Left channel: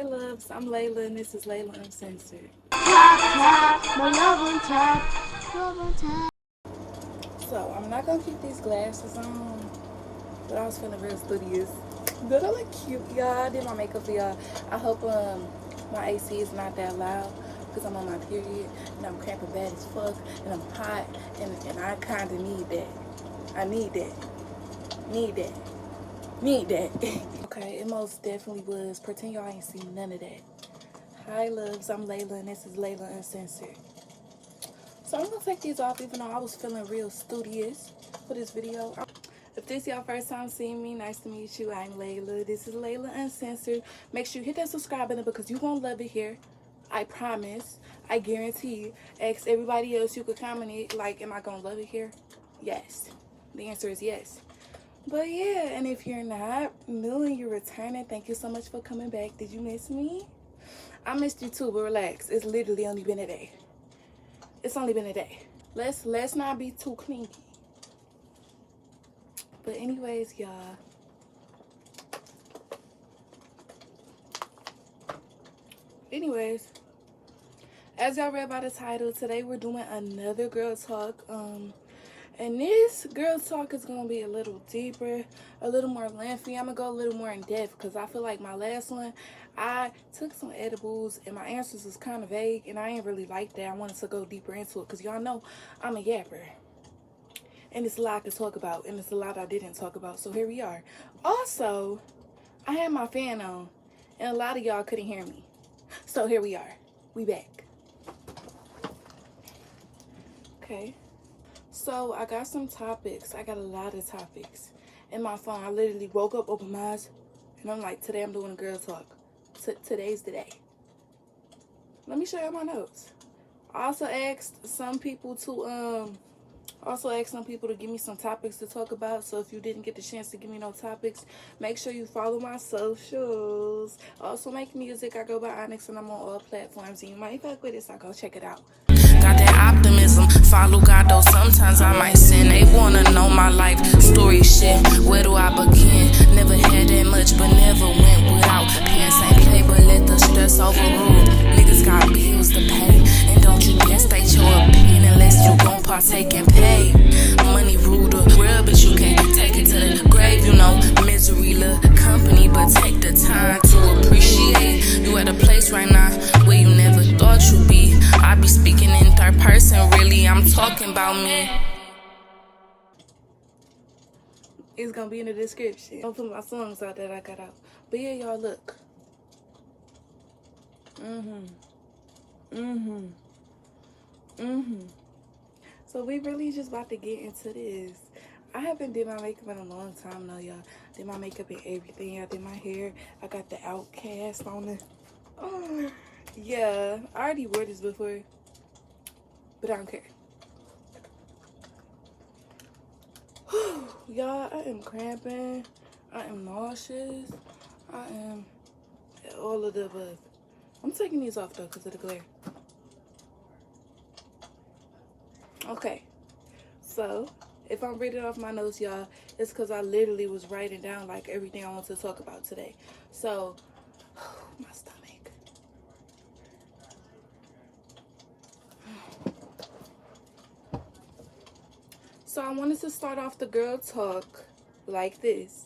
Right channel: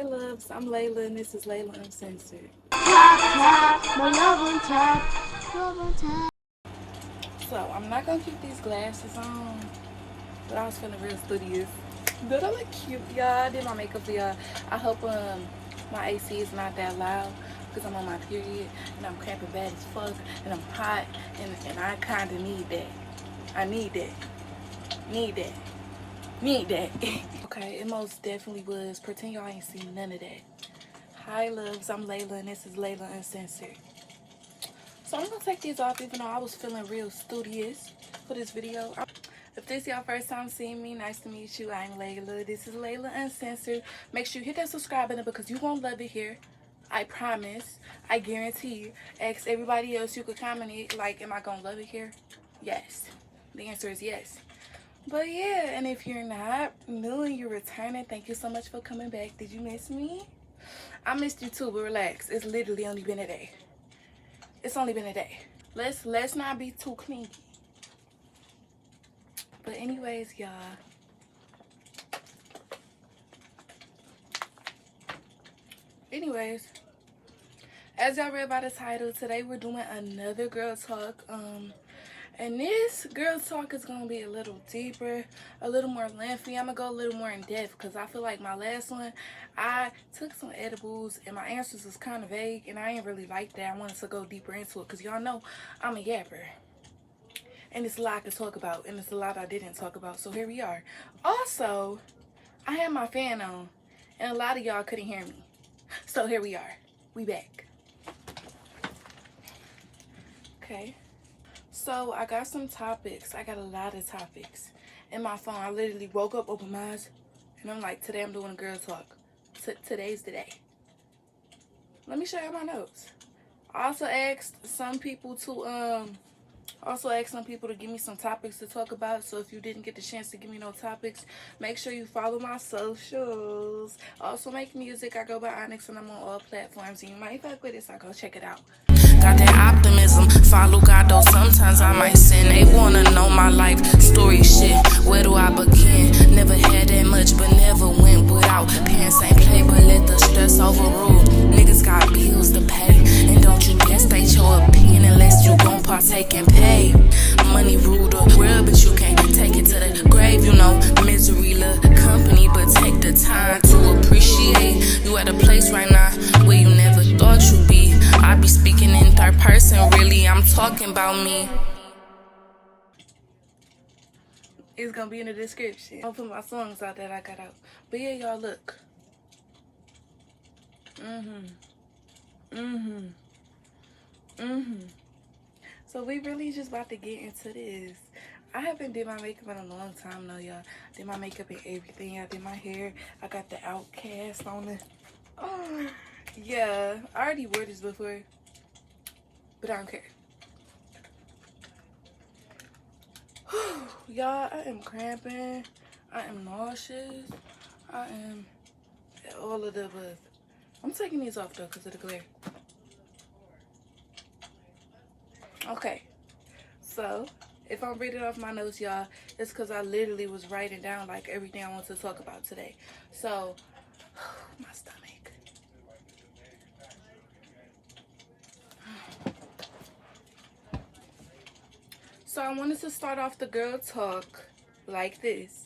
Hi loves, I'm Layla and this is Layla Uncensored. So I'm not gonna keep these glasses on, but I was feeling real studious. Don't I look cute, y'all? I did my makeup for y'all. I hope my AC is not that loud because I'm on my period and I'm cramping bad as fuck and I'm hot and I kinda need that. I need that. Need that. Need that. Okay, it most definitely was. Pretend y'all ain't seen none of that. Hi loves, I'm Layla and this is Layla Uncensored. So I'm gonna take these off even though I was feeling real studious for this video. If this is your first time seeing me, nice to meet you. I'm Layla. This is Layla Uncensored. Make sure you hit that subscribe button because you won't love it here. I promise. I guarantee you. Ask everybody else, you could comment it like, am I gonna love it here? Yes. The answer is yes. But yeah, and if you're not new and you're returning, thank you so much for coming back. Did you miss me? I missed you too, but relax. It's literally only been a day. It's only been a day. Let's not be too clingy. But anyways, y'all. Anyways, as y'all read by the title, today we're doing another girl talk. And this girl talk is gonna be a little deeper, a little more lengthy. I'm gonna go a little more in depth because I feel like my last one, I took some edibles and my answers was kind of vague and I ain't really like that. I wanted to go deeper into it because y'all know I'm a yapper. And it's a lot to talk about and it's a lot I didn't talk about. So here we are. Also, I had my fan on and a lot of y'all couldn't hear me. So here we are. We back. Okay. So I got some topics. I got a lot of topics in my phone. I literally woke up, opened my eyes, and I'm like, today I'm doing a girl talk. Today's the day. Let me show you my notes. I also asked some people to give me some topics to talk about. So if you didn't get the chance to give me no topics, make sure you follow my socials. I also make music. I go by Onyx and I'm on all platforms. And you might fuck with it, so go check it out. Got that optimism, follow God though sometimes I might sin. They wanna know my life story shit, where do I begin? Never had that much but never went without. Parents ain't play but let the stress overrule. Niggas got bills to pay, and don't you dare state your opinion unless you gon' partake and pay. Money rule the world but you can't take it to the grave. You know misery love company but take the time to appreciate. You at a place right now where you never thought you'd be. I be speaking in third person, really, I'm talking about me. It's gonna be in the description. I'll put my songs out that I got out. But yeah, y'all, look. So we really just about to get into this. I haven't did my makeup in a long time now, y'all. Did my makeup and everything. I did my hair. I got the Outcast on it. Oh, yeah. I already wore this before. But I don't care. Y'all, I am cramping. I am nauseous. I am all of the above. I'm taking these off though because of the glare. Okay. So, if I'm reading off my notes, y'all, it's because I literally was writing down like everything I want to talk about today. So, my stomach. So I wanted to start off the girl talk like this.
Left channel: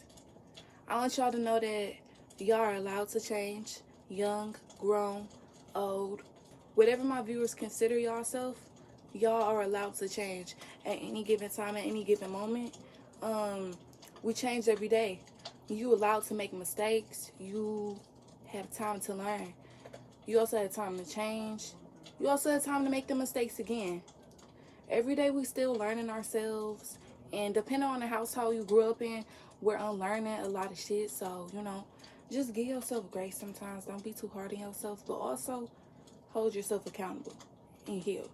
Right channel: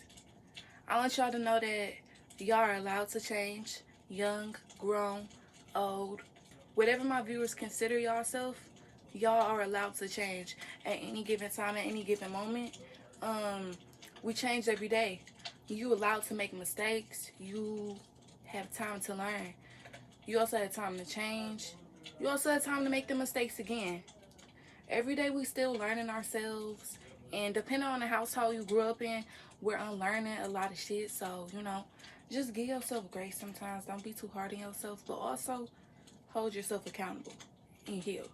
I want y'all to know that y'all are allowed to change. Young, grown, old, whatever my viewers consider yourself, y'all are allowed to change at any given time, at any given moment. We change every day. You allowed to make mistakes. You have time to learn. You also have time to change. You also have time to make the mistakes again. Every day we still learning ourselves, and depending on the household you grew up in, we're unlearning a lot of shit. So, you know, just give yourself grace sometimes. Don't be too hard on yourself, but also hold yourself accountable and heal.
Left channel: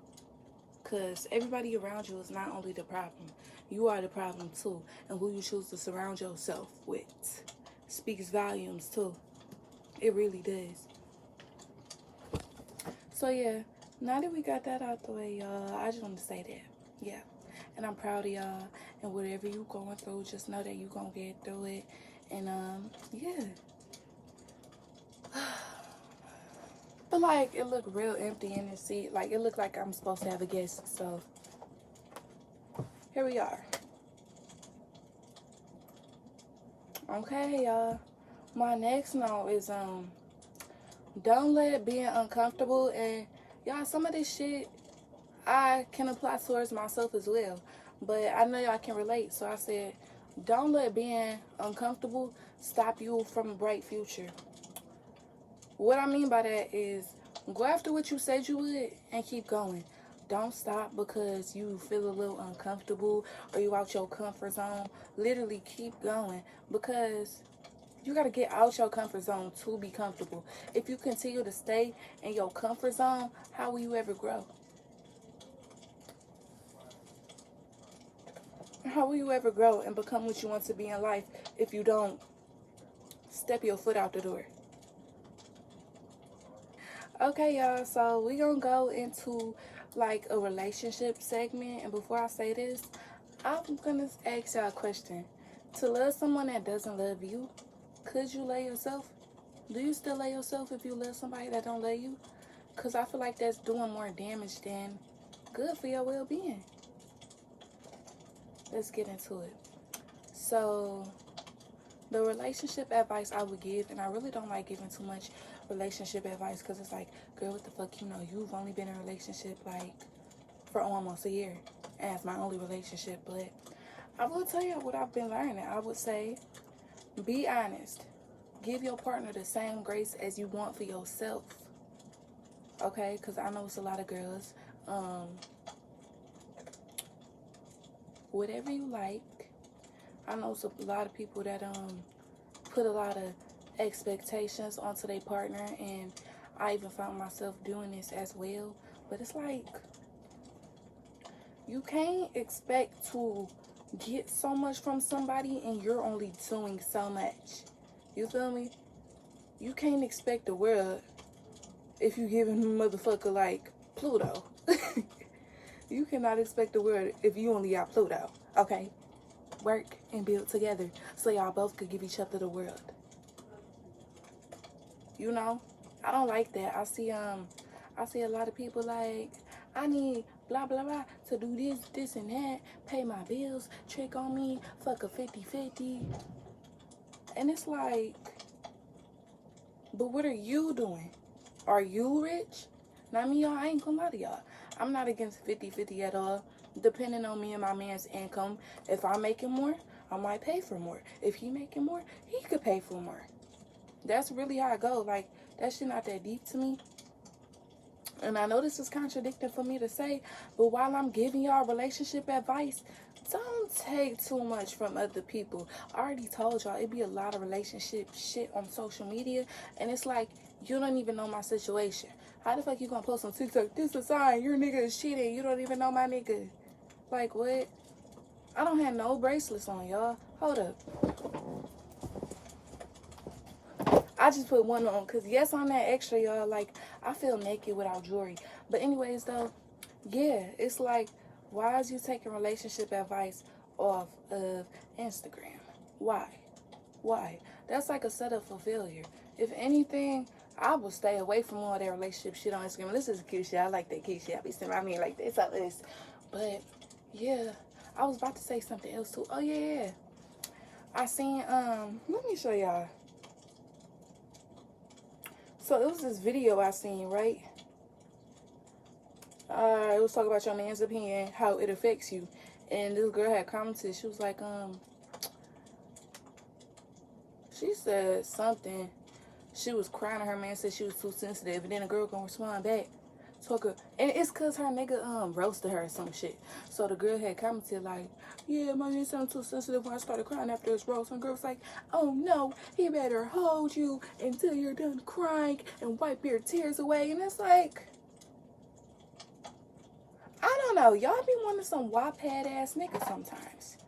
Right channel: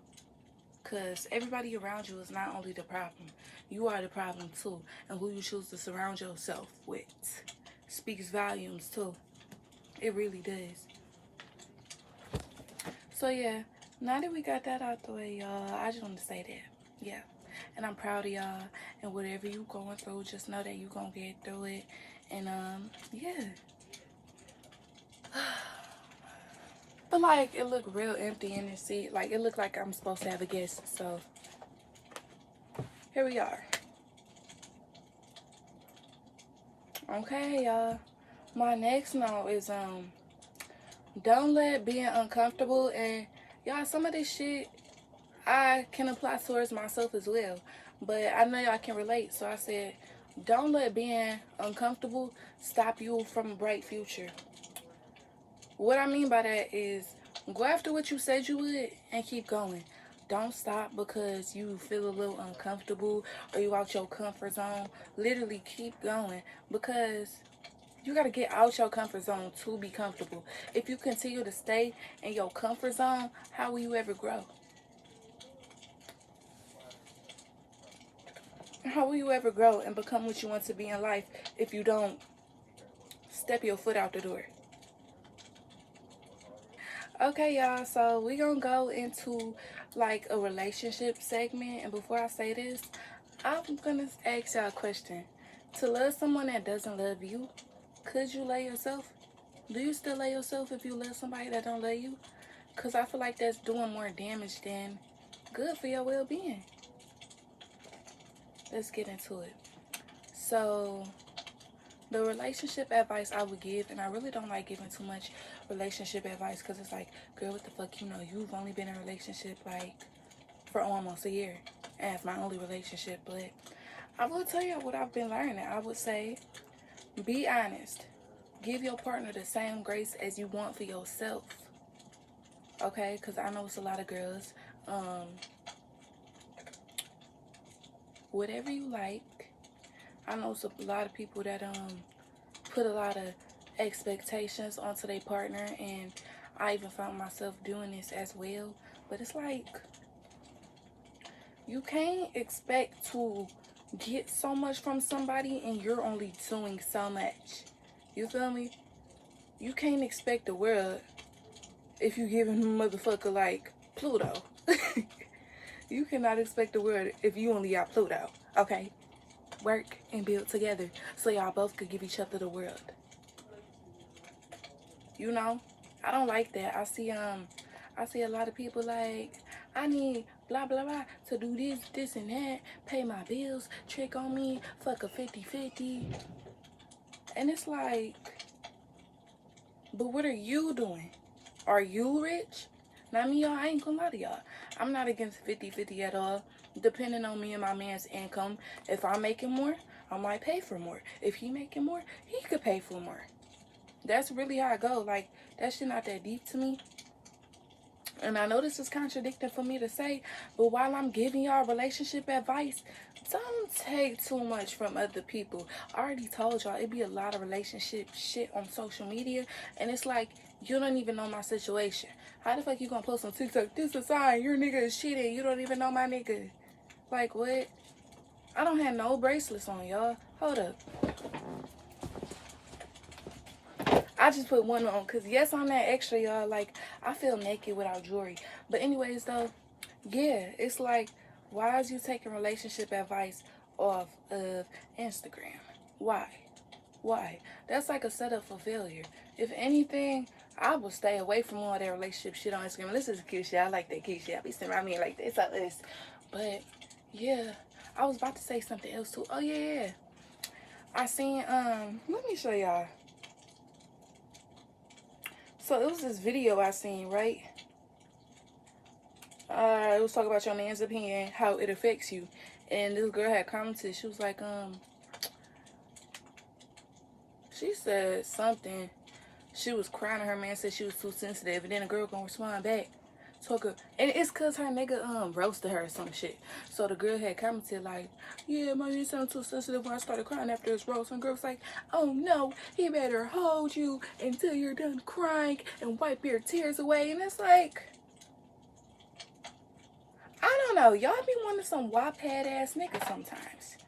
Because everybody around you is not only the problem, you are the problem too. And who you choose to surround yourself with speaks volumes too. It really does. So yeah, now that we got that out the way, y'all, I just want to say that. Yeah. And I'm proud of y'all. And whatever you going through, just know that you going to get through it. And, yeah. But like it looked real empty in the seat. Like it looked like I'm supposed to have a guest. So here we are. Okay, y'all. My next note is don't let being uncomfortable, and y'all, some of this shit I can apply towards myself as well. But I know y'all can relate, so I said don't let being uncomfortable stop you from a bright future. What I mean by that is go after what you said you would and keep going. Don't stop because you feel a little uncomfortable or you out your comfort zone. Literally keep going, because you got to get out your comfort zone to be comfortable. If you continue to stay in your comfort zone, how will you ever grow? How will you ever grow and become what you want to be in life if you don't step your foot out the door? Okay, y'all, so we gonna go into like a relationship segment, and before I say this, I'm gonna ask y'all a question. To love someone that doesn't love you, could you love yourself? Do you still love yourself if you love somebody that don't love you? Because I feel like that's doing more damage than good for your well-being. Let's get into it. So the relationship advice I would give, and I really don't like giving too much relationship advice because it's like, girl, what the fuck, you know, you've only been in a relationship like for almost a year, and it's my only relationship. But I will tell you what I've been learning. I would say be honest. Give your partner the same grace as you want for yourself. Okay, because I know it's a lot of girls, whatever you like. I know it's a lot of people that put a lot of expectations onto their partner, and I even found myself doing this as well. But it's like, you can't expect to get so much from somebody and you're only doing so much. You feel me? You can't expect the world if you giving a motherfucker like Pluto. You cannot expect the world if you only got Pluto. Okay? Work and build together so y'all both could give each other the world. You know? I don't like that. I see a lot of people like, I need blah blah blah to do this and that, pay my bills, trick on me, fuck a 50-50. And it's like, but what are you doing? Are you rich? Now me, y'all, I ain't gonna lie to y'all. I'm not against 50-50 at all. Depending on me and my man's income, if I'm making more, I might pay for more. If he making more, he could pay for more. That's really how I go. Like, that shit not that deep to me. And I know this is contradicting for me to say, but while I'm giving y'all relationship advice, don't take too much from other people. I already told y'all, it be a lot of relationship shit on social media, and it's like, you don't even know my situation. How the fuck you gonna post on TikTok, this is a sign your nigga is cheating, you don't even know my nigga? Like, what? I don't have no bracelets on, y'all. Hold up. I just put one on because, yes, I'm that extra, y'all. Like, I feel naked without jewelry. But anyways, though, yeah, it's like, why is you taking relationship advice off of Instagram? Why? Why? That's like a setup for failure. If anything, I would stay away from all that relationship shit on Instagram. This is cute shit. I like that cute shit. I be sitting around me like this. So this. But, yeah, I was about to say something else, too. Oh, yeah. I seen, let me show y'all. So it was this video I seen, right? It was talking about your man's opinion, how it affects you. And this girl had commented, she was like, she said something. She was crying, her man said she was too sensitive, and then the girl gonna respond back. And it's cause her nigga roasted her or some shit. So the girl had commented like, yeah, my man sounded too sensitive when I started crying after his roast. And the girl was like, oh no, he better hold you until you're done crying and wipe your tears away. And it's like, I don't know, y'all be wanting some wop-head ass niggas sometimes.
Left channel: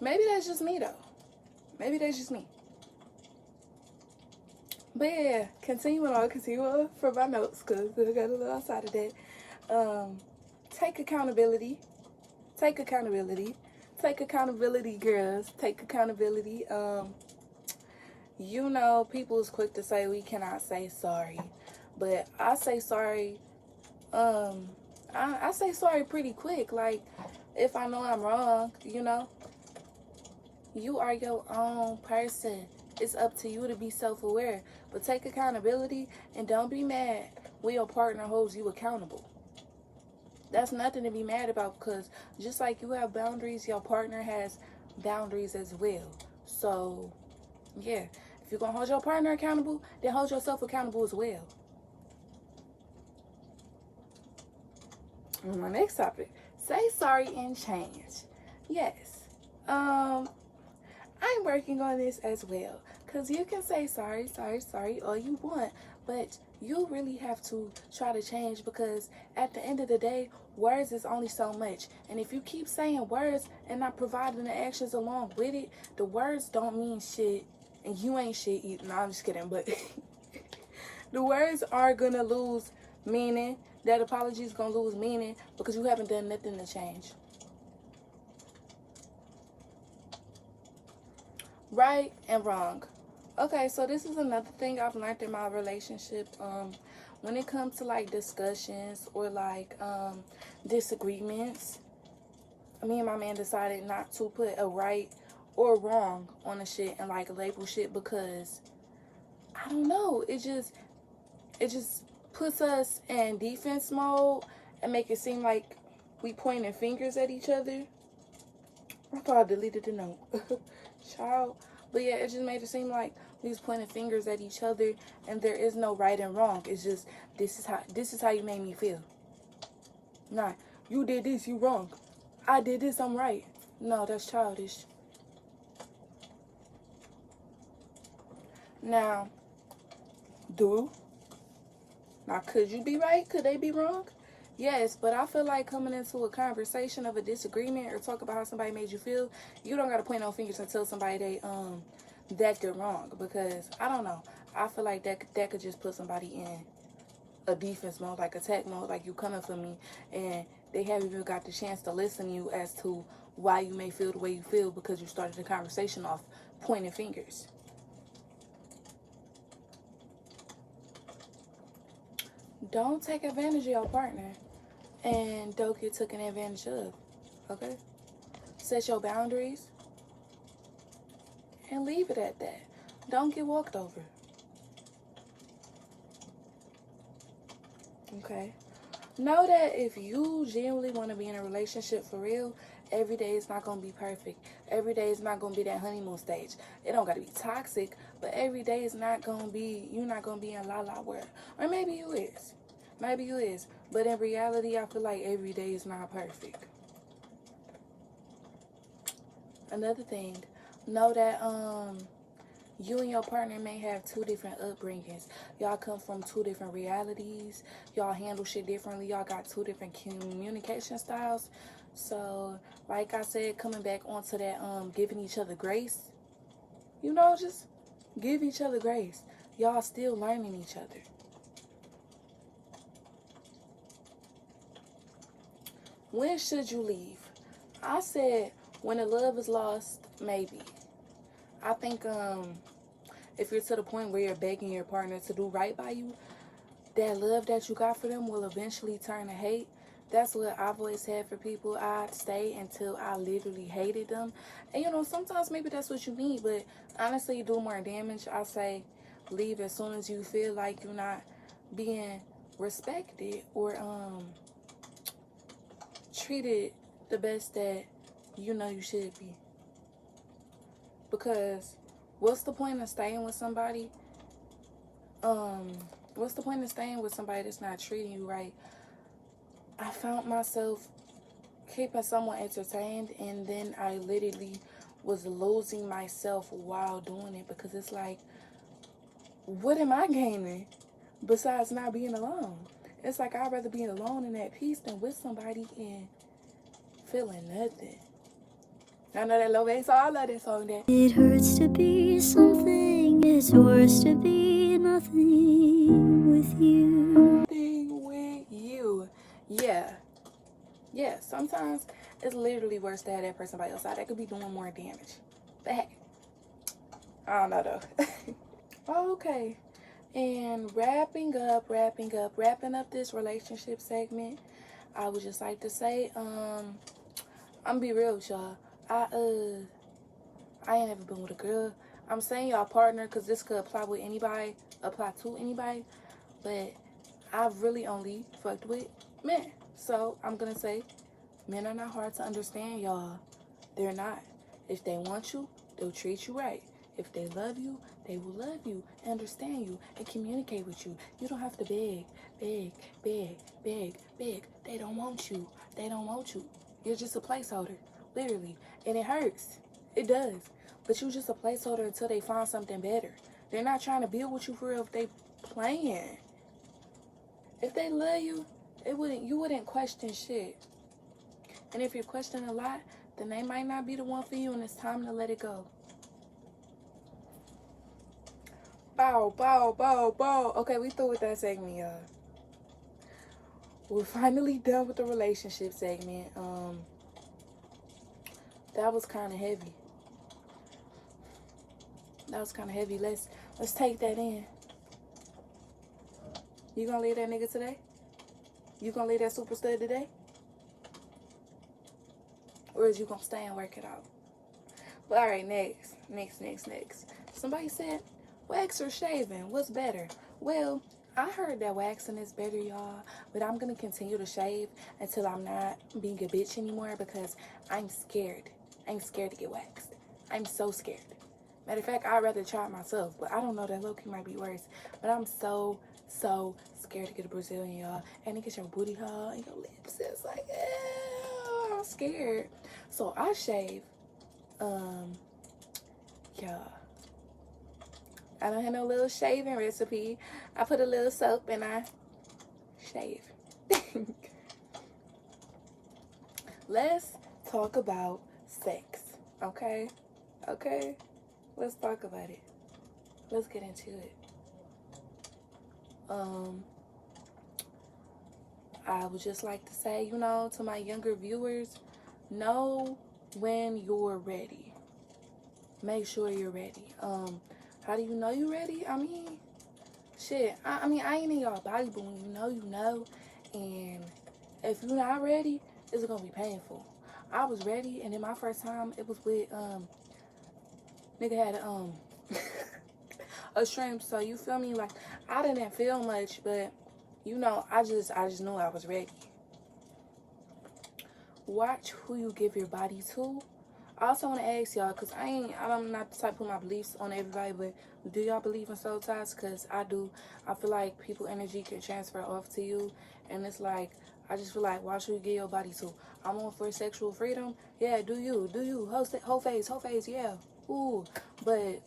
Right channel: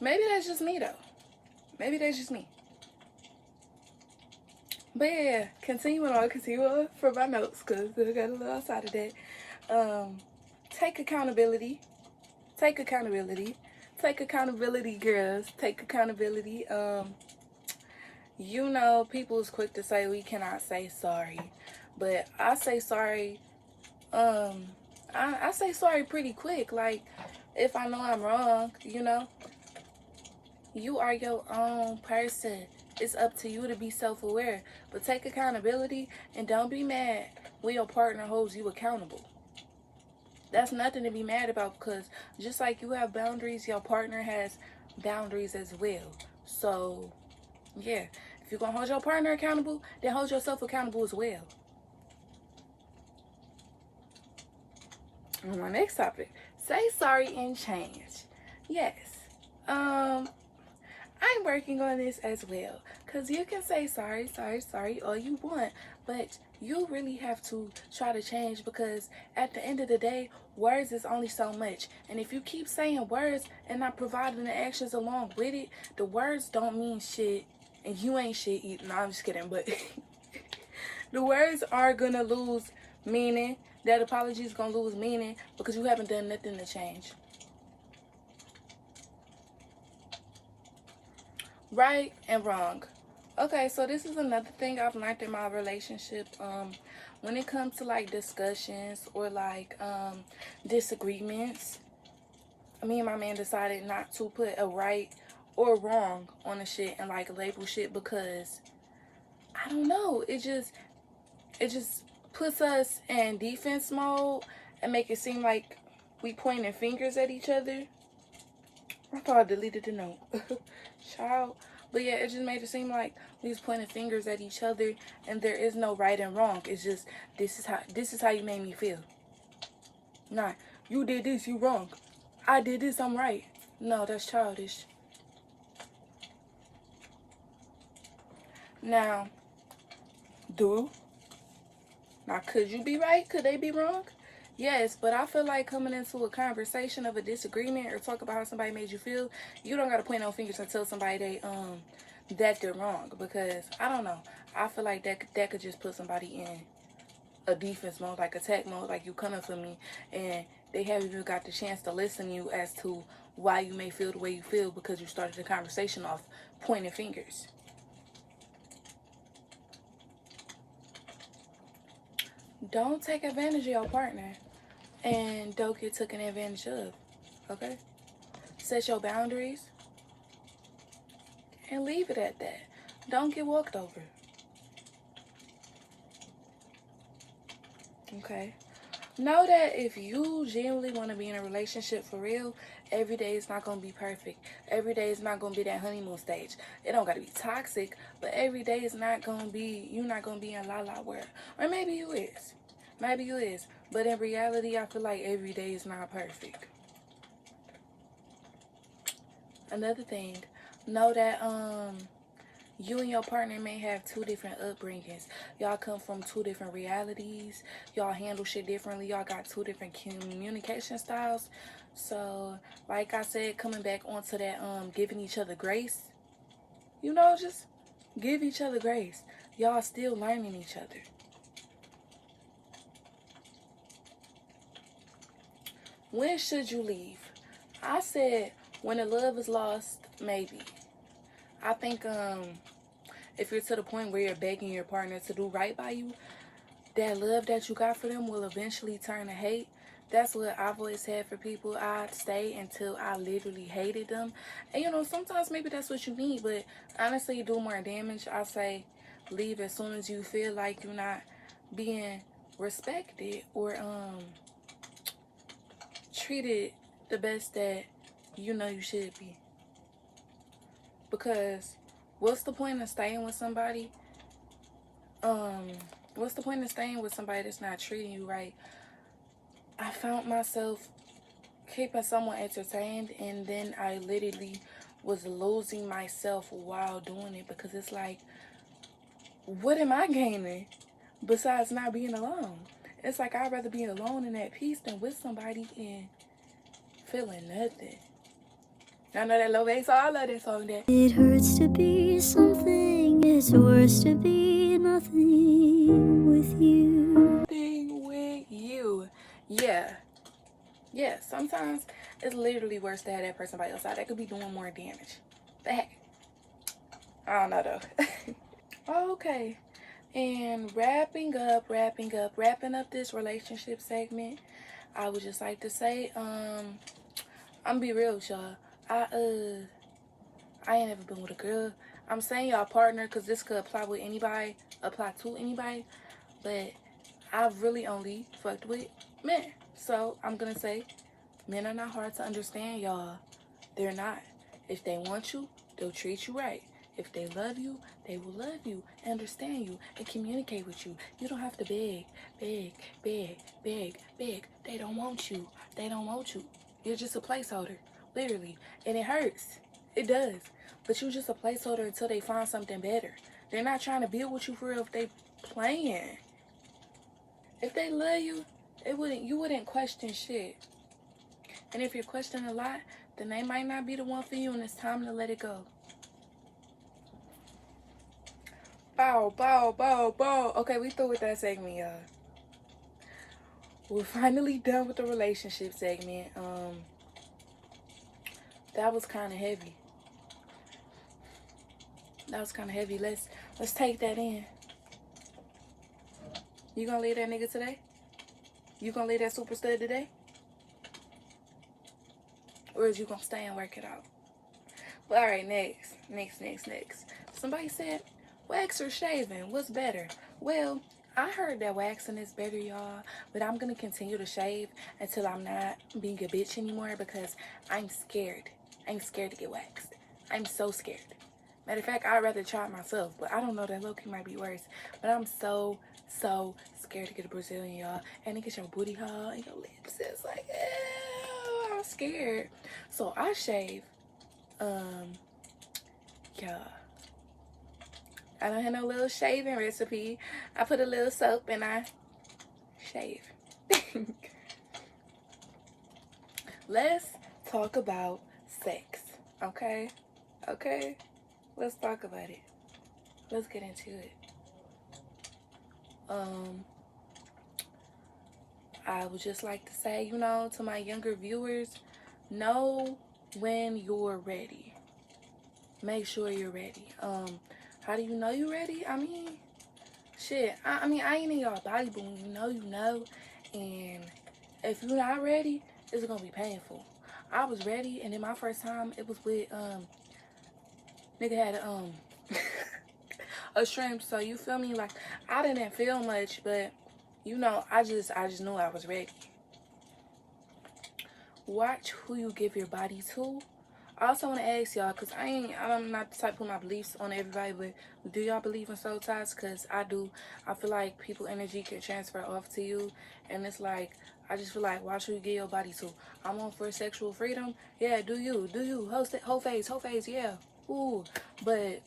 Maybe that's just me though. Maybe that's just me. But yeah, continue on for my notes because I got a little outside of that. Take accountability. Take accountability. Take accountability, girls. Take accountability. You know, people is quick to say we cannot say sorry, but I say sorry. I say sorry pretty quick. Like, if I know I'm wrong, you know, you are your own person. It's up to you to be self-aware, but take accountability and don't be mad when your partner holds you accountable. That's nothing to be mad about, because just like you have boundaries, your partner has boundaries as well. So yeah, if you're gonna hold your partner accountable, then hold yourself accountable as well. On my next topic, say sorry and change. Yes. I'm working on this as well, because you can say sorry all you want, but you really have to try to change, because at the end of the day, words is only so much, and if you keep saying words and not providing the actions along with it, the words don't mean shit, and you ain't shit either. No, I'm just kidding, but the words are gonna lose meaning. That apology is gonna lose meaning because you haven't done nothing to change. Right and wrong. Okay, so this is another thing I've learned in my relationship. When it comes to like discussions or like disagreements, me and my man decided not to put a right or wrong on the shit and like label shit, because I don't know, it just puts us in defense mode and make it seem like we pointing fingers at each other. I thought I deleted the note. Child. But yeah, it just made it seem like we was pointing fingers at each other, and there is no right and wrong. It's just, this is how you made me feel. Nah, you did this, you wrong. I did this, I'm right. No, that's childish. Now, could you be right? Could they be wrong? Yes, but I feel like coming into a conversation of a disagreement or talk about how somebody made you feel, you don't gotta point no fingers and tell somebody that they're wrong, because I don't know. I feel like that could just put somebody in a defense mode, like attack mode, like you coming for me, and they haven't even got the chance to listen to you as to why you may feel the way you feel, because you started the conversation off pointing fingers. Don't take advantage of your partner, and don't get taken advantage of. Okay? Set your boundaries and leave it at that. Don't get walked over. Okay? Know that if you genuinely want to be in a relationship for real, every day is not going to be perfect. Every day is not going to be that honeymoon stage. It don't got to be toxic, but every day is not going to be, you're not going to be in Lai-Lah world. Or maybe you is. Maybe you is. But in reality, I feel like every day is not perfect. Another thing, know that you and your partner may have two different upbringings. Y'all come from two different realities. Y'all handle shit differently. Y'all got two different communication styles. So, like I said, coming back onto that giving each other grace. You know, just give each other grace. Y'all still learning each other. When should you leave? I said when the love is lost, maybe. I think if you're to the point where you're begging your partner to do right by you, that love that you got for them will eventually turn to hate. That's what I've always had for people. I'd stay until I literally hated them. And you know, sometimes maybe that's what you need, but honestly, you do more damage. I say leave as soon as you feel like you're not being respected or treated the best that you know you should be. Because what's the point of staying with somebody? What's the point of staying with somebody that's not treating you right? I found myself keeping someone entertained, and then I literally was losing myself while doing it, because it's like, what am I gaining besides not being alone? It's like I'd rather be alone in that peace than with somebody and feeling nothing. I know that low bass, I love that song. That it hurts to be something, it's worse to be nothing with you. Nothing with you. Yeah, sometimes it's literally worse to have that person by your side. That could be doing more damage. But hey, I don't know though. Okay. And wrapping up this relationship segment, I would just like to say, I'm gonna be real with y'all. I ain't never been with a girl. I'm saying y'all partner because this could apply to anybody, but I've really only fucked with men. So I'm gonna say men are not hard to understand, y'all. They're not. If they want you, they'll treat you right. If they love you, they will love you, understand you, and communicate with you. You don't have to beg. They don't want you. You're just a placeholder, literally. And it hurts. It does. But you're just a placeholder until they find something better. They're not trying to build with you for real if they playing. If they love you, you wouldn't question shit. And if you're questioning a lot, then they might not be the one for you, and it's time to let it go. Bow. Okay, we through with that segment, y'all. We're finally done with the relationship segment. That was kind of heavy. Let's take that in. You gonna leave that nigga today? You gonna leave that super stud today? Or is you gonna stay and work it out? But alright, next. Somebody said, wax or shaving, what's better? Well, I heard that waxing is better, y'all, but I'm gonna continue to shave until I'm not being a bitch anymore because I'm scared. I'm scared to get waxed. I'm so scared. Matter of fact, I'd rather try it myself, but I don't know, that low-key might be worse. But I'm so scared to get a Brazilian, y'all, and to get your booty hole and your lips. It's like, ew, I'm scared. So I shave. Yeah. I don't have no little shaving recipe. I put a little soap and I shave. Let's talk about sex. Okay? Let's talk about it. Let's get into it. I would just like to say, to my younger viewers, know when you're ready. Make sure you're ready. How do you know you're ready? I mean, shit. I ain't in y'all body, but when you know. And if you're not ready, it's gonna be painful. I was ready, and then my first time, it was with nigga had a shrimp. So you feel me? Like, I didn't feel much, but I just knew I was ready. Watch who you give your body to. I also want to ask y'all, because I'm not the type to put my beliefs on everybody, but do y'all believe in soul ties? Because I do. I feel like people energy can transfer off to you, and it's like, I just feel like, watch who you give your body to. I'm on for sexual freedom. Yeah, do you. Whole face, yeah. Ooh, but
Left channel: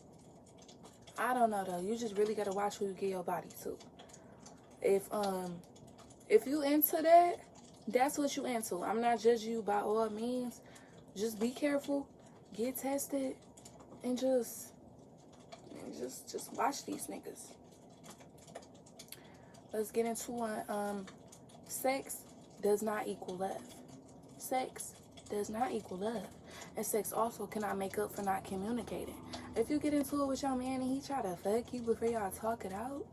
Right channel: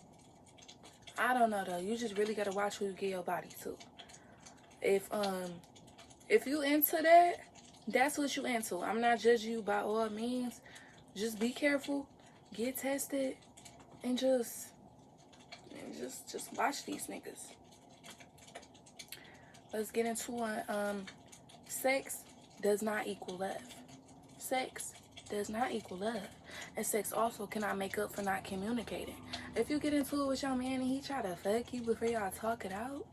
I don't know though. You just really gotta watch who you give your body to. If you into that, that's what you into. I'm not judging you by all means. Just be careful, get tested, and just watch these niggas. Let's get into one. Sex does not equal love. Sex does not equal love. And sex also cannot make up for not communicating. If you get into it with your man and he try to fuck you before y'all talk it out,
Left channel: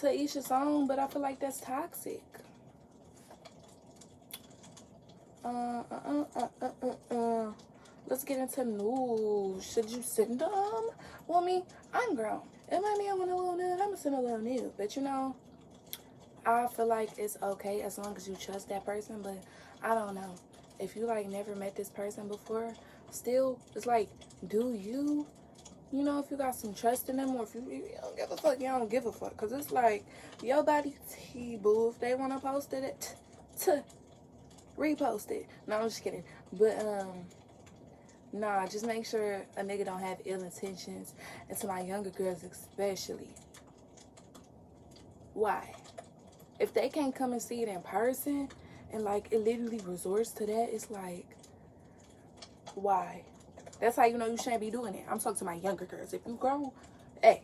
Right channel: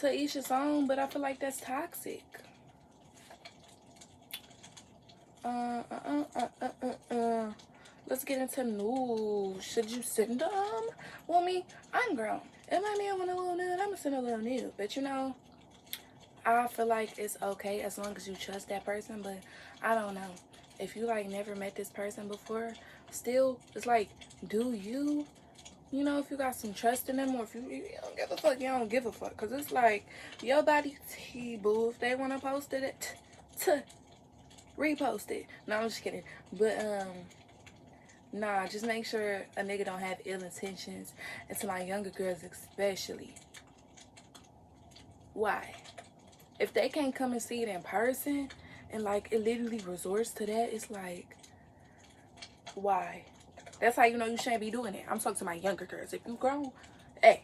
to each his own, but I feel like that's toxic. Let's get into news. Should you send them? Well, me, I'm grown. If my man want a little nude, I'ma send a little nude. But I feel like it's okay as long as you trust that person. But I don't know. If you like never met this person before, still, it's like, do you? If you got some trust in them, or if you don't give a fuck, you don't give a fuck. Because it's like, your body, boo. If they want to post it, repost it. No, I'm just kidding. But, nah, just make sure a nigga don't have ill intentions. And to my younger girls especially. Why? If they can't come and see it in person, and like, it literally resorts to that, it's like, why? That's how you know you shouldn't be doing it. I'm talking to my younger girls. If you grown, hey,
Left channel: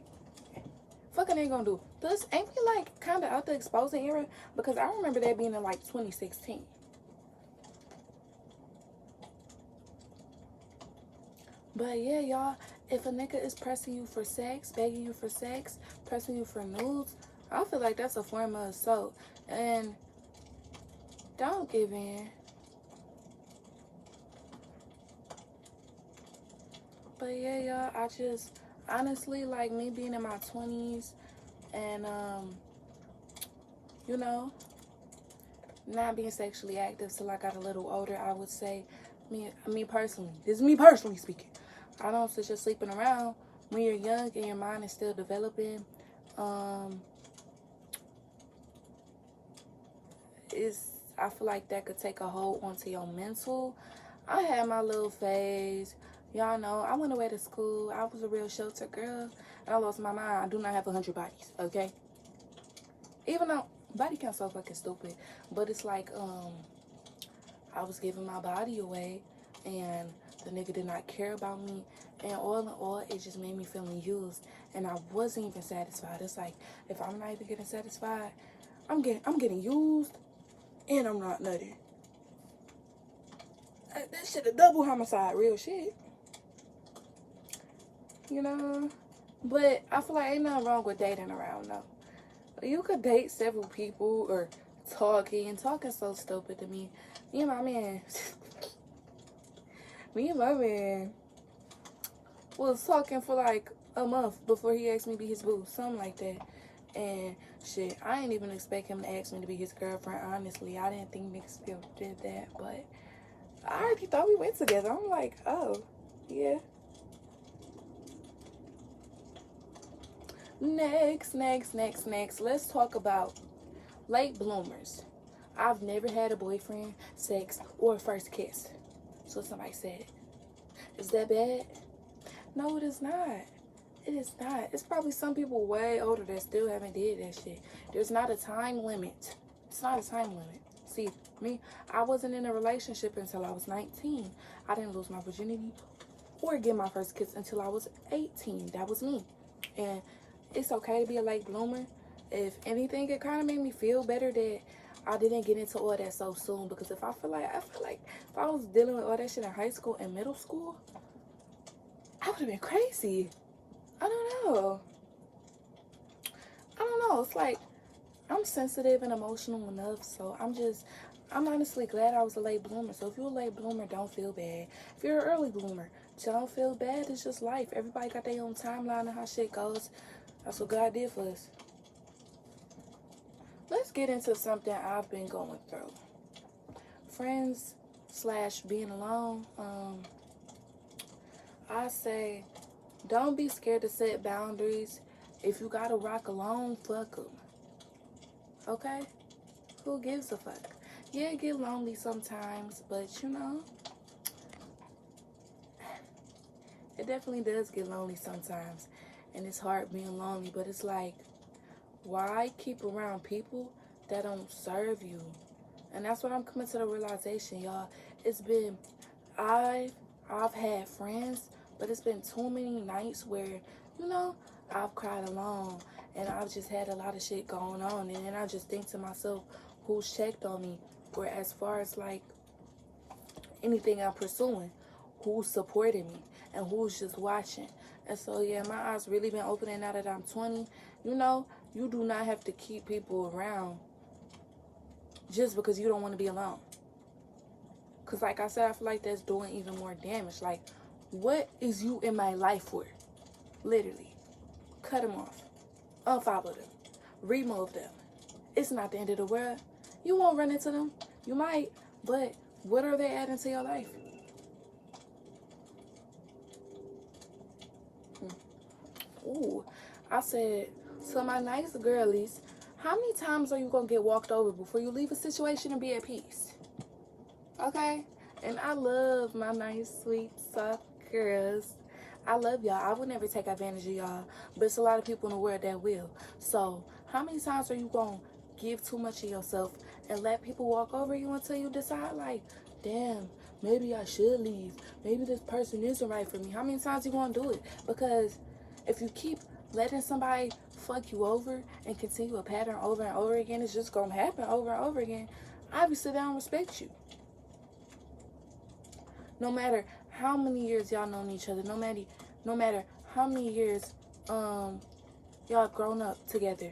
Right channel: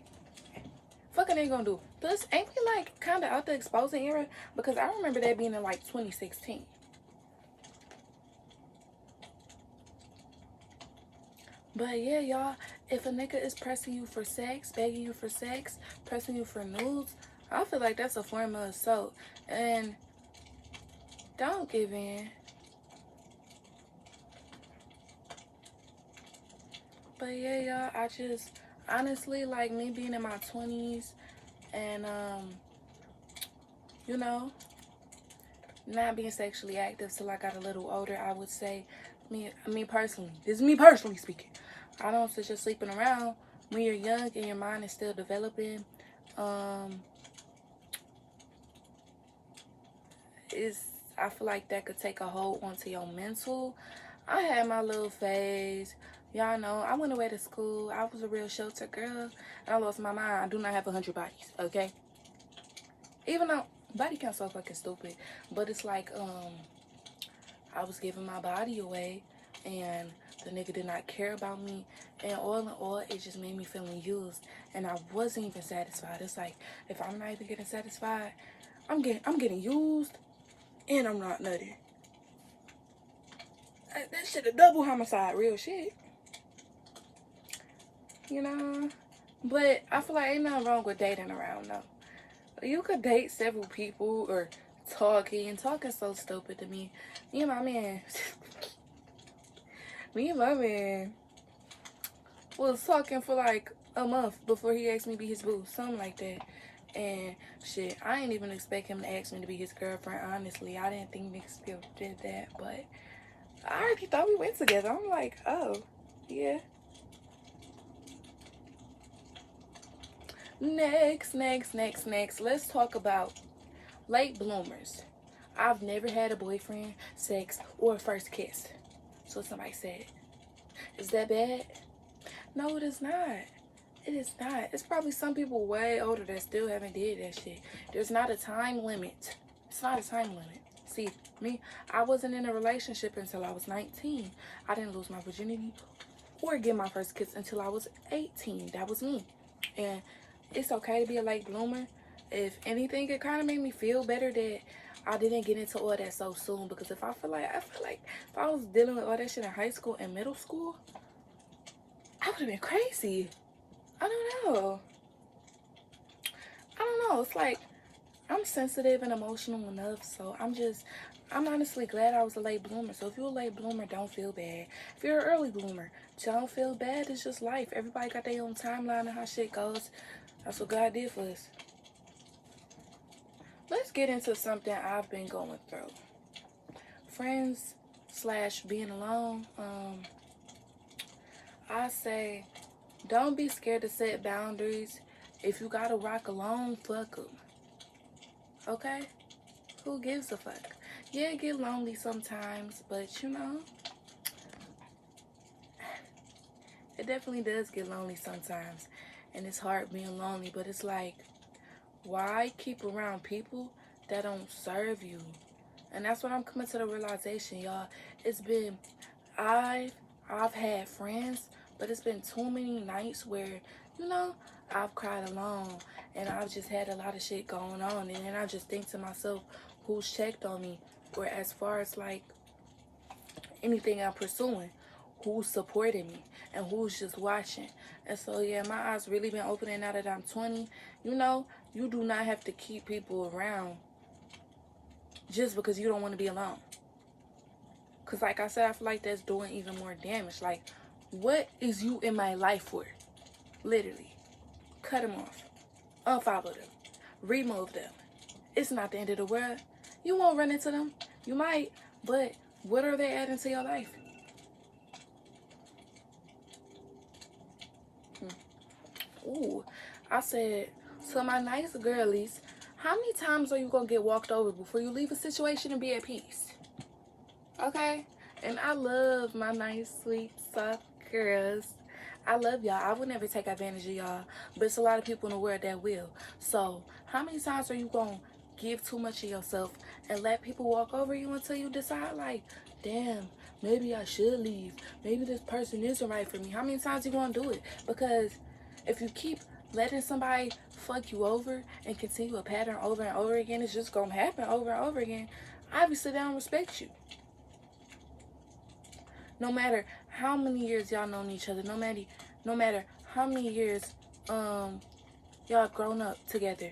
fucking ain't gonna do. Plus, ain't we like kind of out the exposing era? Because I remember that being in like 2016. But yeah, y'all, if a nigga is pressing you for sex, begging you for sex, pressing you for nudes, I feel like that's a form of assault. And don't give in. But yeah, y'all, I just honestly, like, me being in my 20s and you know, not being sexually active till I got a little older, I would say, me personally, this is me personally speaking, I don't suggest sleeping around when you're young and your mind is still developing. Is I feel like that could take a hold onto your mental. I had my little phase. Y'all know, I went away to school. I was a real sheltered girl. And I lost my mind. I do not have 100 bodies, okay? Even though body count so fucking stupid. But it's like, I was giving my body away. And the nigga did not care about me. And all in all, it just made me feeling used. And I wasn't even satisfied. It's like, if I'm not even getting satisfied, I'm getting used. And I'm not nutty. That shit a double homicide, real shit. You know? But I feel like ain't nothing wrong with dating around, though. You could date several people or talking. Talking's so stupid to me. Me and my man. Me and my man was talking for like a month before he asked me to be his boo. Something like that. And shit, I ain't even expect him to ask me to be his girlfriend, honestly. I didn't think niggas did that, but I already thought we went together. I'm like, oh, yeah. Next. Let's talk about late bloomers. I've never had a boyfriend, sex, or a first kiss. So somebody said, is that bad? No, it is not. It is not. It's probably some people way older that still haven't did that shit. There's not a time limit. It's not a time limit. See, me, I wasn't in a relationship until I was 19. I didn't lose my virginity or get my first kiss until I was 18. That was me. And it's okay to be a late bloomer. If anything, it kind of made me feel better that I didn't get into all that so soon. Because I feel like if I was dealing with all that shit in high school and middle school, I would have been crazy. I don't know. It's like, I'm sensitive and emotional enough, so I'm honestly glad I was a late bloomer. So if you're a late bloomer, don't feel bad. If you're an early bloomer, don't feel bad. It's just life. Everybody got their own timeline and how shit goes. That's what God did for us. Let's get into something I've been going through. Friends / being alone. I say, don't be scared to set boundaries. If you gotta rock alone, fuck 'em. Okay? Who gives a fuck? Yeah, it get lonely sometimes, but you know, it definitely does get lonely sometimes. And it's hard being lonely, but it's like, why keep around people that don't serve you? And that's what I'm coming to the realization, y'all. It's been, I've had friends, but it's been too many nights where, you know, I've cried alone and I've just had a lot of shit going on. And then I just think to myself, who's checked on me? Or as far as like anything I'm pursuing, who's supporting me and who's just watching. And so yeah, my eyes really been opening now that I'm 20. You know, you do not have to keep people around just because you don't want to be alone. Because like I said, I feel like that's doing even more damage. Like, what is you in my life for? Literally. Cut them off. Unfollow them. Remove them. It's not the end of the world. You won't run into them. You might, but what are they adding to your life? Ooh, I said, to my nice girlies, how many times are you going to get walked over before you leave a situation and be at peace? Okay? And I love my nice, sweet, soft girls. I love y'all. I would never take advantage of y'all, but it's a lot of people in the world that will. So, how many times are you going to give too much of yourself and let people walk over you until you decide, like, damn, maybe I should leave. Maybe this person isn't right for me. How many times are you going to do it? Because if you keep letting somebody fuck you over and continue a pattern over and over again, it's just going to happen over and over again. Obviously, they don't respect you. No matter how many years y'all known each other, no matter how many years y'all grown up together,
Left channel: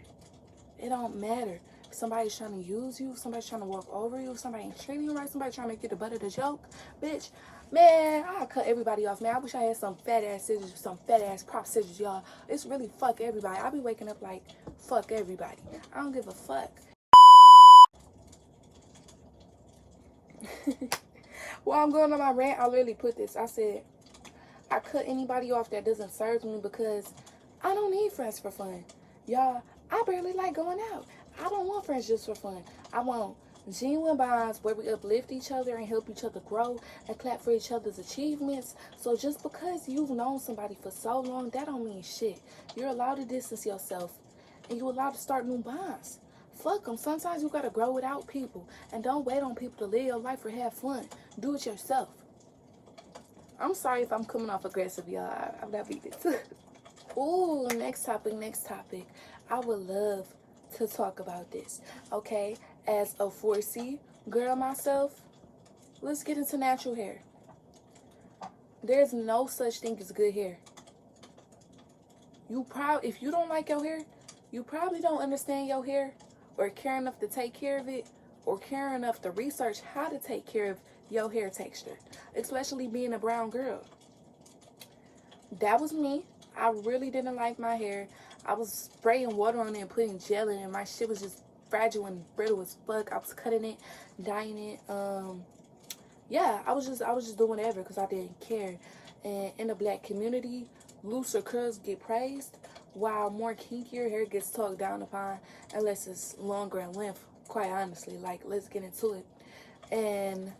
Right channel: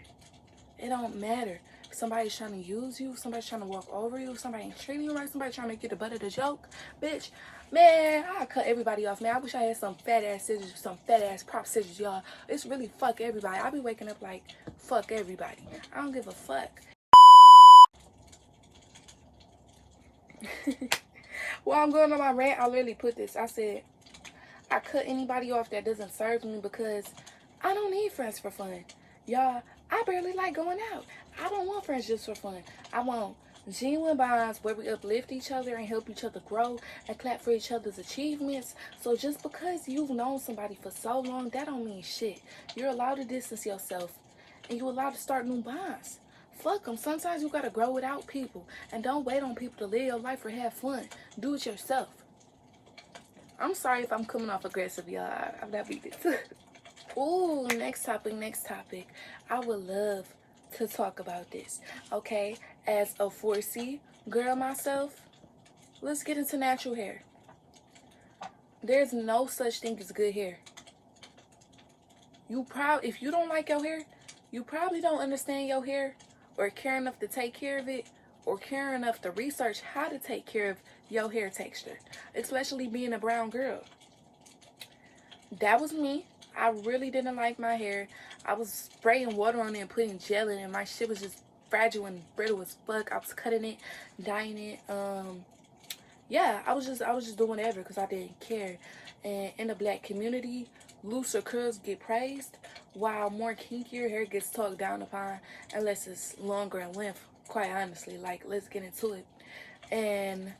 it don't matter. If somebody's trying to use you, somebody's trying to walk over you, somebody ain't treating you right, somebody trying to make you the butt of the joke, bitch, man, I cut everybody off, man. I wish I had some fat ass scissors, some fat ass prop scissors, y'all. It's really fuck everybody. I be waking up like fuck everybody. I don't give a fuck. While I'm going on my rant, I literally put this. I said, I cut anybody off that doesn't serve me because I don't need friends for fun. Y'all, I barely like going out. I don't want friends just for fun. I want genuine bonds where we uplift each other and help each other grow and clap for each other's achievements. So just because you've known somebody for so long, that don't mean shit. You're allowed to distance yourself and you're allowed to start new bonds. Fuck them. Sometimes you gotta grow without people. And don't wait on people to live your life or have fun. Do it yourself. I'm sorry if I'm coming off aggressive, y'all. I'm not beat it. Ooh, next topic. I would love to talk about this. Okay, as a 4C girl myself, let's get into natural hair. There's no such thing as good hair. If you don't like your hair, you probably don't understand your hair or care enough to take care of it or care enough to research how to take care of your hair texture, especially being a brown girl. That was me. I really didn't like my hair. I was spraying water on it and putting gel in it. My shit was just fragile and brittle as fuck. I was cutting it, dyeing it. Yeah, I was just doing whatever because I didn't care. And in the black community, looser curls get praised, while more kinkier hair gets talked down upon unless it's longer in length. Quite honestly, like, let's get into it. And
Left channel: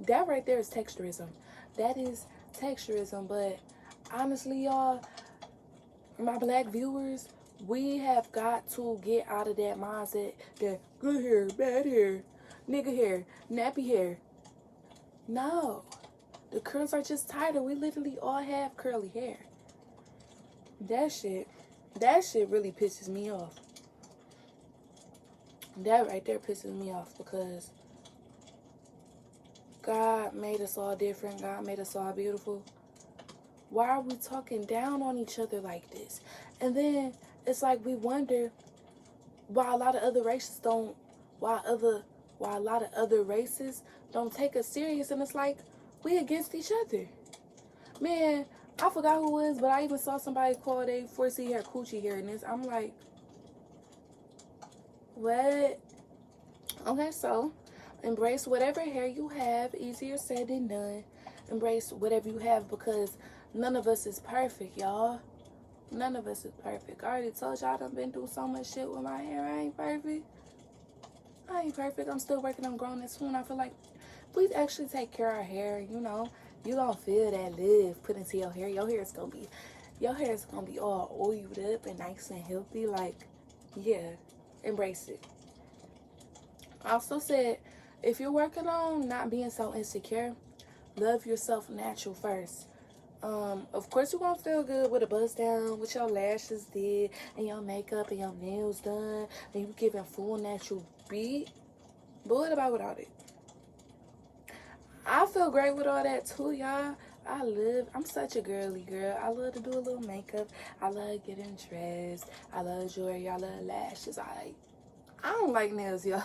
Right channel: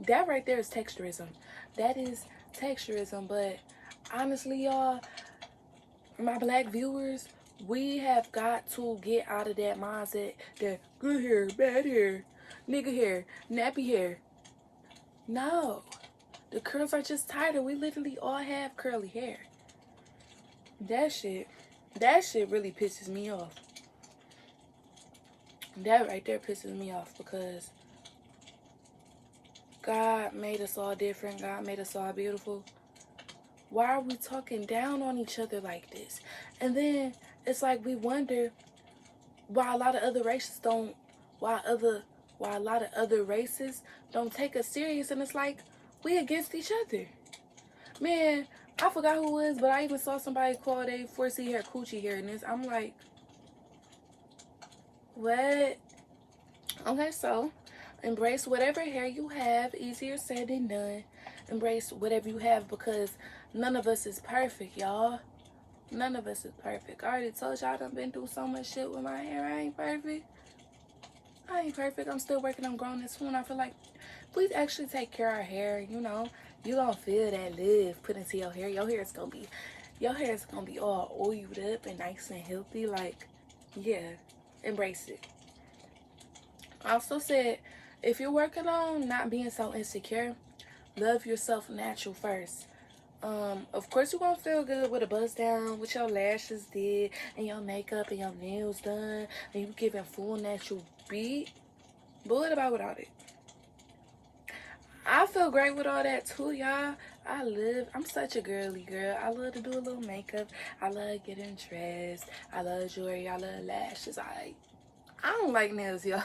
that right there is texturism. That is texturism. But honestly, y'all, my black viewers, we have got to get out of that mindset that good hair, bad hair, nigga hair, nappy hair. No, the curls are just tighter. We literally all have curly hair. That shit really pisses me off. That right there pisses me off because God made us all different. God made us all beautiful. Why are we talking down on each other like this? And then it's like we wonder why a lot of other races don't, why a lot of other races don't take us serious. And it's like, we against each other. Man, I forgot who it was, but I even saw somebody call they 4C hair coochie hair. And I'm like, what? Okay, so embrace whatever hair you have. Easier said than done. Embrace whatever you have because none of us is perfect, y'all. None of us is perfect. I already told y'all I done been through so much shit with my hair. I ain't perfect. I'm still working on growing it soon. I feel like if we actually take care of our hair, you know, you gonna feel that love put into your hair. Your hair is gonna be all oiled up and nice and healthy. Like, yeah, embrace it. I also said, if you're working on not being so insecure, love yourself natural first. Of course you're gonna feel good with a buzz down, with your lashes did, and your makeup and your nails done, and you giving full natural beat. But what about without it? I feel great with all that too, y'all. I'm such a girly girl. I love to do a little makeup. I love getting dressed. I love jewelry. I love lashes. I don't like nails, y'all.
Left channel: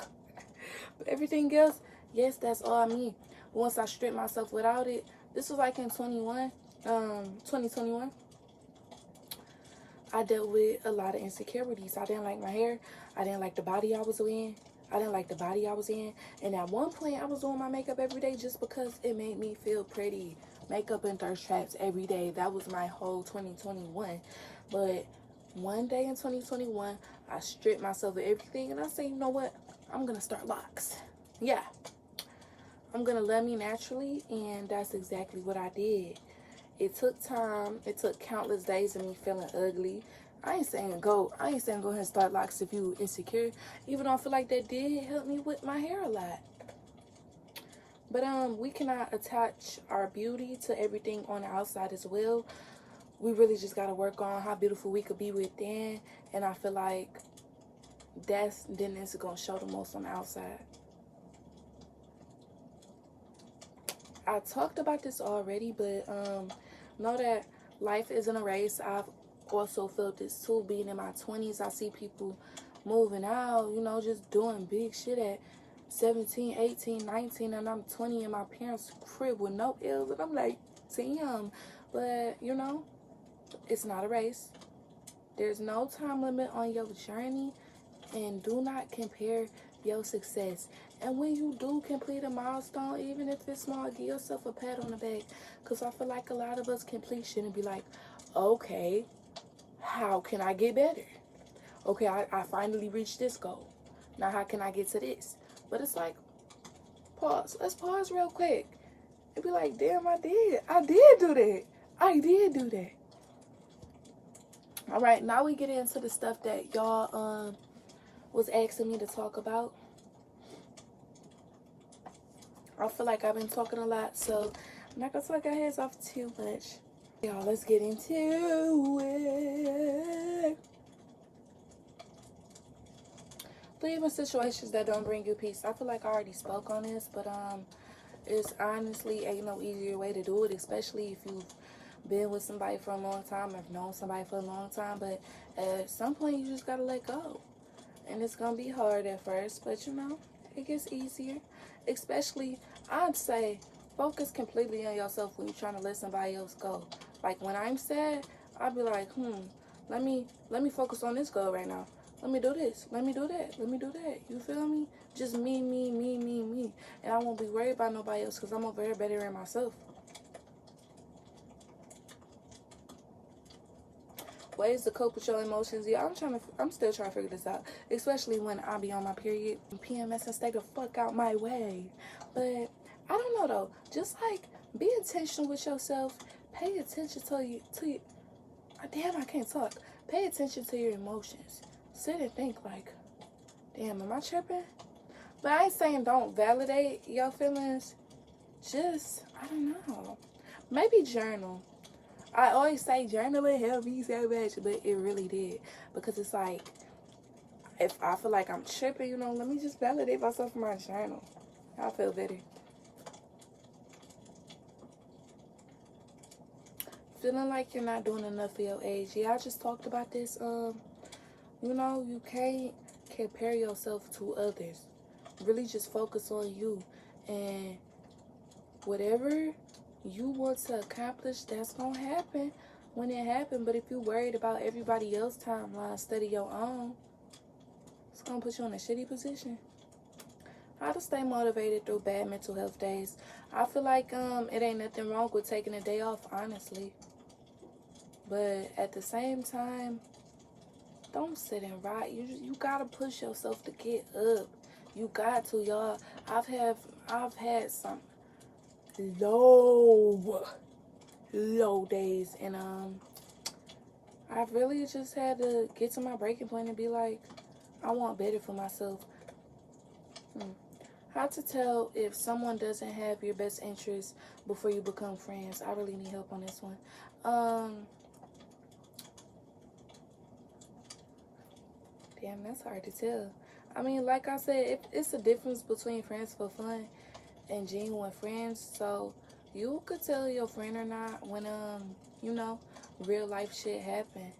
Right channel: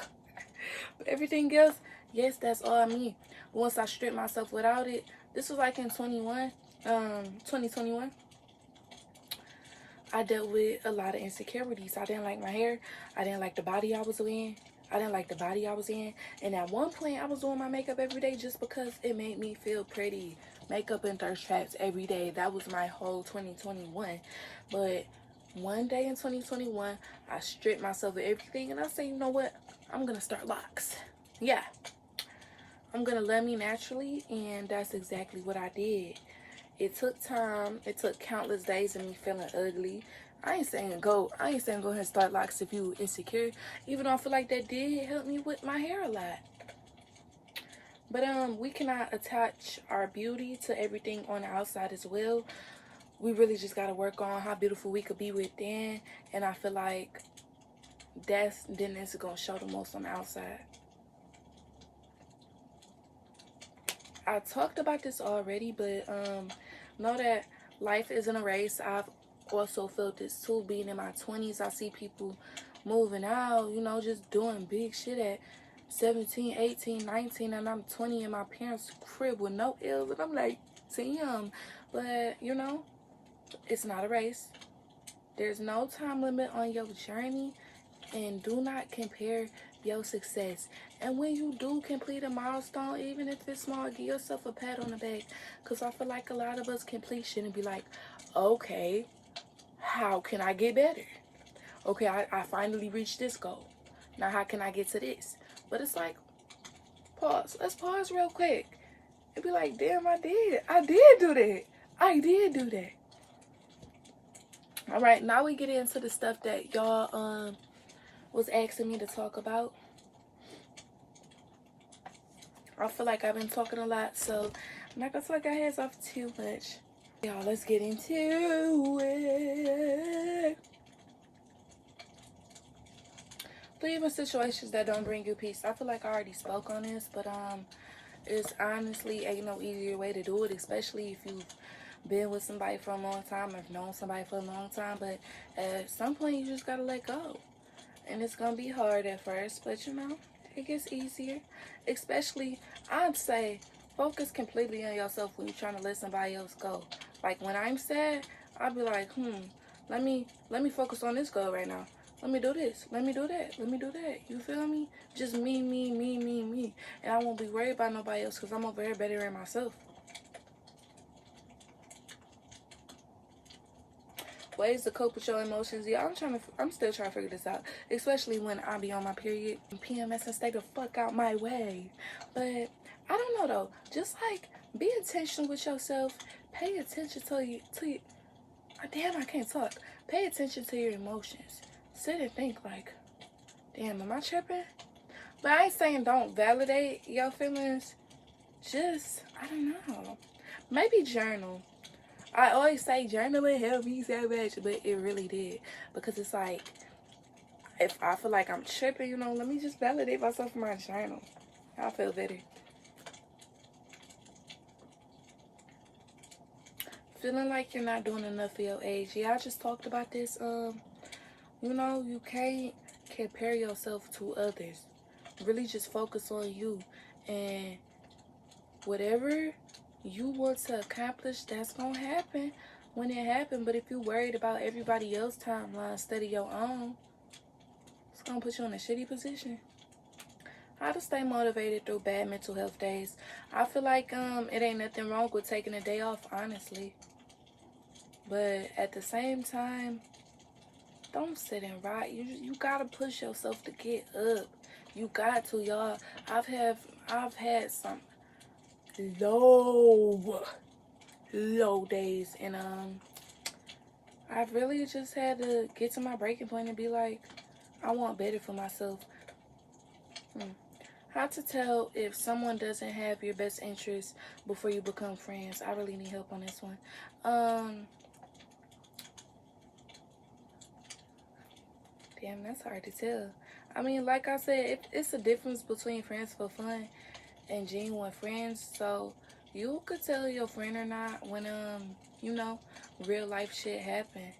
But everything else, yes, that's all I mean. Once I stripped myself without it, this was like in 2021. I dealt with a lot of insecurities. I didn't like my hair. I didn't like the body I was in. And at one point, I was doing my makeup every day just because it made me feel pretty. Makeup and thirst traps every day. That was my whole 2021. But one day in 2021, I stripped myself of everything. And I said, you know what? I'm going to start locks. Yeah. I'm going to love me naturally. And that's exactly what I did. It took time. It took countless days of me feeling ugly. I ain't saying go ahead and start locks if you insecure. Even though I feel like that did help me with my hair a lot. But we cannot attach our beauty to everything on the outside as well. We really just gotta work on how beautiful we could be within. And I feel like that's gonna show the most on the outside. I talked about this already, but know that life isn't a race. I've also felt this too. Being in my 20s, I see people moving out, you know, just doing big shit at 17, 18, 19, and I'm 20 in my parents' crib with no ills, and I'm like, damn. But you know, it's not a race. There's no time limit on your journey, and do not compare your success. And when you do complete a milestone, even if it's small, give yourself a pat on the back, because I feel like a lot of us complete shit and be like, okay, how can I get better? Okay, I finally reached this goal. Now how can I get to this? But it's like, pause. Let's pause real quick. And be like, damn, I did do that. I did do that. All right, now we get into the stuff that y'all was asking me to talk about. I feel like I've been talking a lot, so I'm not gonna talk our heads off too much. Y'all, let's get into it. Leaving situations that don't bring you peace. I feel like I already spoke on this, but it's honestly ain't no easier way to do it, especially if you've been with somebody for a long time, or known somebody for a long time. But at some point, you just gotta let go, and it's gonna be hard at first, but you know, it gets easier. Especially, I'd say, focus completely on yourself when you're trying to let somebody else go. Like when I'm sad, I'd be like, let me focus on this goal right now. Let me do this. Let me do that. Let me do that. You feel me? Just me. And I won't be worried about nobody else, because I'm over here better than myself. Ways to cope with your emotions. Yeah, I'm still trying to figure this out. Especially when I be on my period. PMS and stay the fuck out my way. But I don't know though. Just like, be intentional with yourself. Pay attention to you. Damn, I can't talk. Pay attention to your emotions. Sit and think like, damn, am I tripping? But I ain't saying don't validate your feelings. Just, I don't know. Maybe journal. I always say journaling helped me so much, but it really did. Because it's like, if I feel like I'm tripping, you know, let me just validate myself in my journal. I feel better. Feeling like you're not doing enough for your age. Yeah, I just talked about this. You know, you can't compare yourself to others. Really just focus on you. And whatever you want to accomplish, that's gonna happen when it happens. But if you're worried about everybody else's timeline instead of your own, it's gonna put you in a shitty position. How to stay motivated through bad mental health days. I feel like it ain't nothing wrong with taking a day off, honestly. But at the same time, don't sit and rot. You gotta push yourself to get up. You got to, y'all. I've had some low days, and I've really just had to get to my breaking point and be like, I want better for myself. How to tell if someone doesn't have your best interest before you become friends. I really need help on this one. Damn, that's hard to tell. I mean, like I said, it's a difference between friends for fun and genuine friends. So you could tell your friend or not when you know, real life shit happen.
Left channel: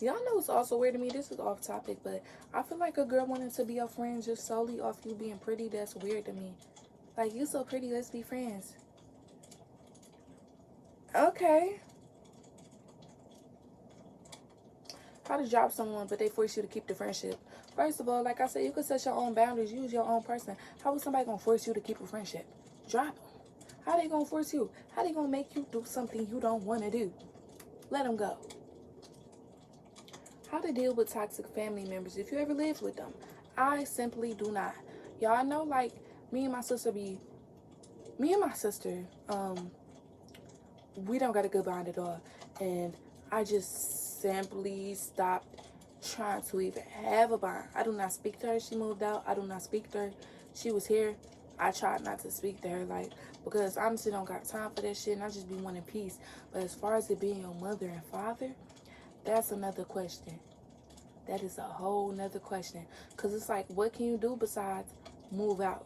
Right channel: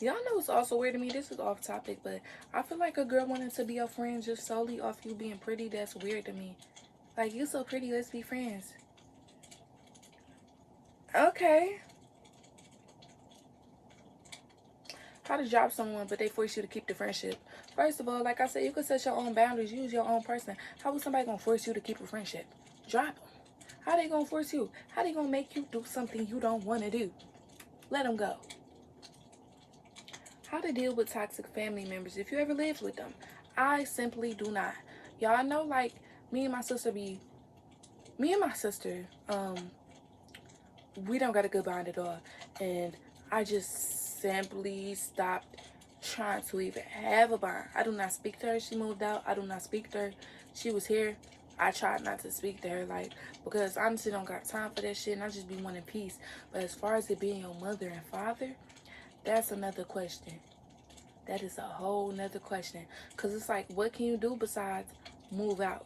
Y'all know it's also weird to me. This is off topic, but I feel like a girl wanting to be your friend just solely off you being pretty, that's weird to me. Like, you so pretty, let's be friends. Okay. How to drop someone, but they force you to keep the friendship. First of all, like I said, you can set your own boundaries. Use your own person. How is somebody gonna force you to keep a friendship? Drop them. How they gonna force you? How they gonna make you do something you don't want to do? Let them go. How to deal with toxic family members if you ever lived with them. I simply do not. Y'all know, like, me and my sister, we don't got a good bond at all. And I just simply stopped trying to even have a bond. I do not speak to her. She moved out. I do not speak to her. She was here. I tried not to speak to her, like, because I honestly don't got time for that shit, and I just be wanting peace. But as far as it being your mother and father, that's another question. That is a whole nother question. Because it's like, what can you do besides move out?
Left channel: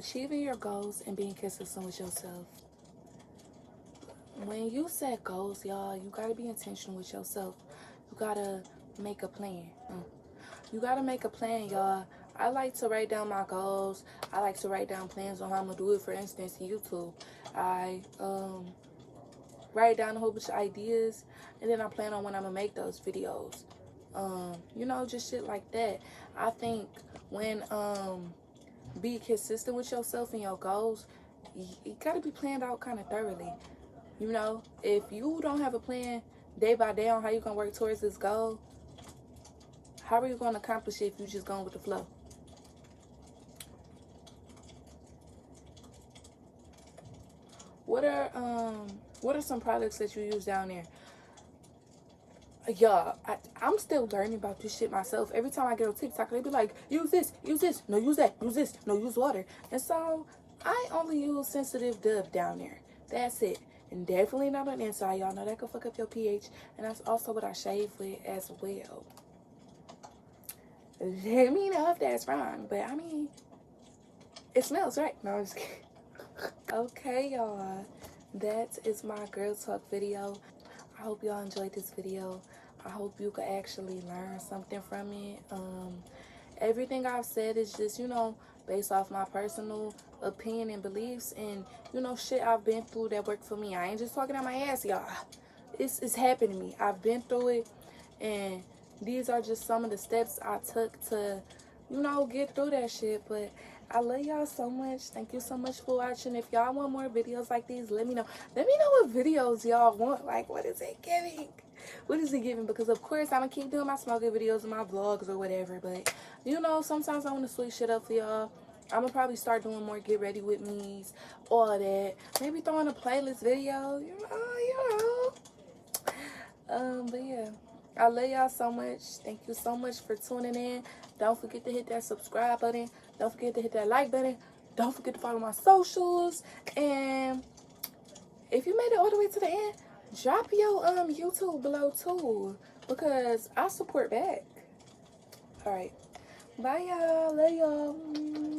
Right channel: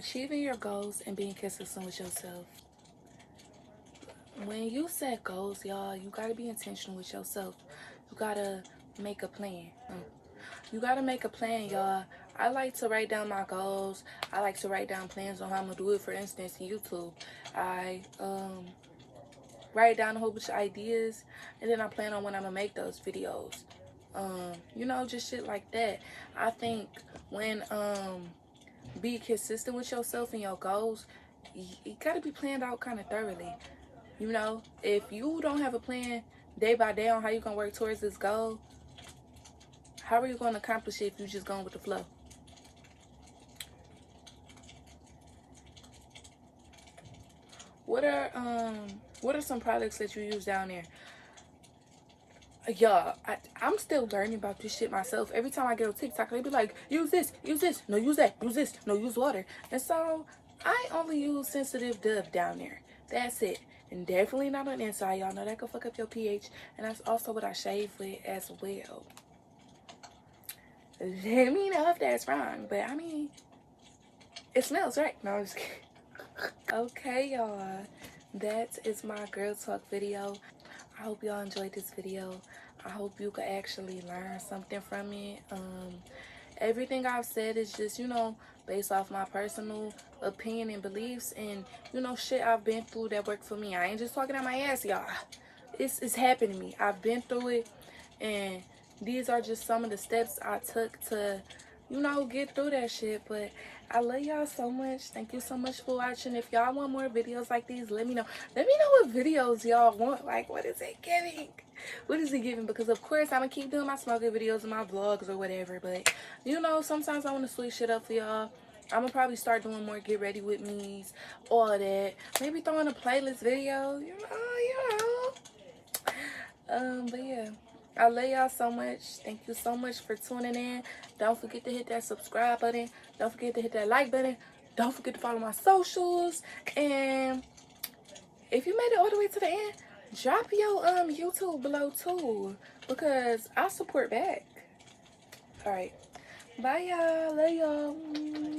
achieving your goals and being consistent with yourself. When you set goals, y'all, you gotta be intentional with yourself. You gotta make a plan. You gotta make a plan, y'all. I like to write down my goals. I like to write down plans on how I'm gonna do it. For instance, YouTube, I write down a whole bunch of ideas, and then I plan on when I'm gonna make those videos. You know, just shit like that. I think when be consistent with yourself and your goals, you gotta be planned out kind of thoroughly. You know, if you don't have a plan day by day on how you're gonna work towards this goal, how are you gonna accomplish it if you're just going with the flow? What are some products that you use down there? Y'all, I'm still learning about this shit myself. Every time I get on TikTok, they be like, use this, no, use that, use this, no, use water. And so I only use sensitive dub down there. That's it. And definitely not on the inside. Y'all know that could fuck up your pH. And that's also what I shave with as well. Let me know if that's wrong. But I mean, it smells right. No, I'm just kidding. Okay, y'all. That is my girl talk video. I hope y'all enjoyed this video. I hope you could actually learn something from it. Everything I've said is just, you know, based off my personal opinion and beliefs, and, you know, shit I've been through that worked for me. I ain't just talking out my ass, y'all. It's happened to me. I've been through it, and these are just some of the steps I took to, you know, get through that shit. But I love y'all so much. Thank you so much for watching. If y'all want more videos like these, let me know. Let me know what videos y'all want. Like, what is it giving? What is it giving? Because, of course, I'm going to keep doing my smoking videos and my vlogs or whatever. But, you know, sometimes I want to switch shit up for y'all. I'm going to probably start doing more get ready with me's, all that. Maybe throwing a playlist video, you know. But, yeah. I love y'all so much. Thank you so much for tuning in. Don't forget to hit that subscribe button. Don't forget to hit that like button. Don't forget to follow my socials. And if you made it all the way to the end, drop your YouTube below too, because I support back. All right. Bye, y'all. Love y'all.